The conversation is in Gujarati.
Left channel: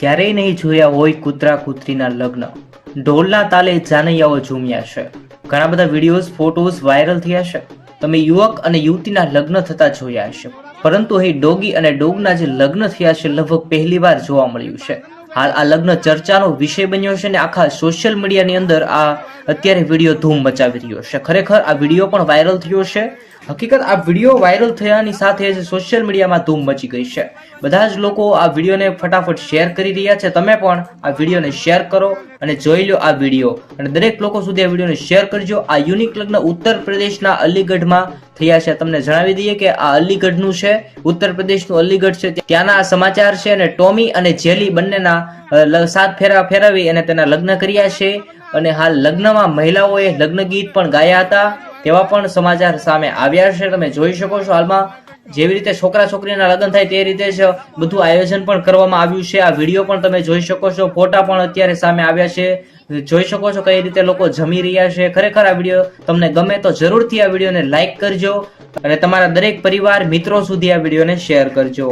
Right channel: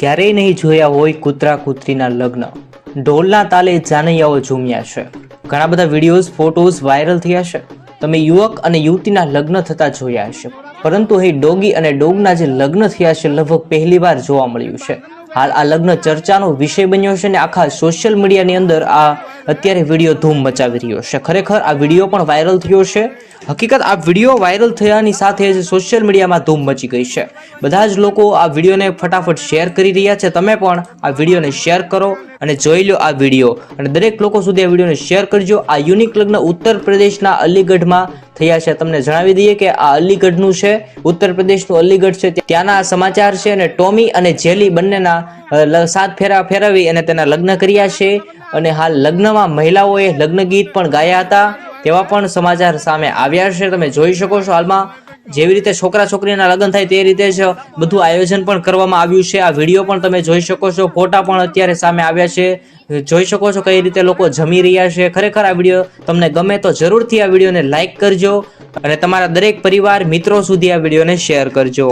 ક્યારેય નહીં જોયા હોય કૂતરા કૂતરીના લગ્ન. ઢોલના તાલે જાનૈયાઓ ઝૂમ્યા છે. ઘણા બધા વિડીયોઝ ફોટોઝ વાયરલ થયા છે. તમે યુવક અને યુવતીના લગ્ન થતા જોયા હશે, પરંતુ અહીં ડોગી અને ડોગના જે લગ્ન થયા છે લગભગ પહેલીવાર જોવા મળ્યું છે. હાલ આ લગ્ન ચર્ચાનો વિષય બન્યો છે અને આખા સોશિયલ મીડિયાની અંદર આ અત્યારે વિડીયો ધૂમ મચાવી રહ્યો છે. ખરેખર આ વિડીયો પણ વાયરલ થયો છે. હકીકત આ વિડીયો વાયરલ થયાની સાથે જ સોશિયલ મીડિયામાં ધૂમ મચી ગઈ છે. બધા જ લોકો આ વિડીયોને ફટાફટ શેર કરી રહ્યા છે. તમે પણ આ વિડીયોને શેર કરો અને જોઈ લો આ વિડીયો, અને દરેક લોકો સુધી આ વિડીયોને શેર કરજો. આ યુનિક લગ્ન ઉત્તર પ્રદેશના અલીગઢમાં થયા છે. તમને જણાવી દઈએ કે આ અલીગઢનું છે, ઉત્તર પ્રદેશનું અલીગઢ છે. ત્યાંના આ સમાચાર છે અને ટોમી અને જેલી બંનેના 7 ફેરા ફેરવી અને તેના લગ્ન કર્યા છે. અને હાલ લગ્નમાં મહિલાઓએ લગ્ન ગીત પણ ગાયા હતા તેવા પણ સમાચાર સામે આવ્યા છે. તમે જોઈ શકો છો હાલમાં જેવી રીતે છોકરા છોકરીના લગ્ન થાય તે રીતે જ બધું આયોજન પણ કરવામાં આવ્યું છે. આ વિડીયો પણ તમે જોઈ શકો છો, ફોટા પણ અત્યારે સામે આવ્યા છે. જોઈ શકો છો કઈ રીતે લોકો જમી રહ્યા છે. ખરેખર આ વિડીયો તમને ગમે તો જરૂરથી આ વિડીયોને લાઈક કરજો અને તમારા દરેક પરિવાર મિત્રો સુધી આ વિડીયોને શેર કરજો.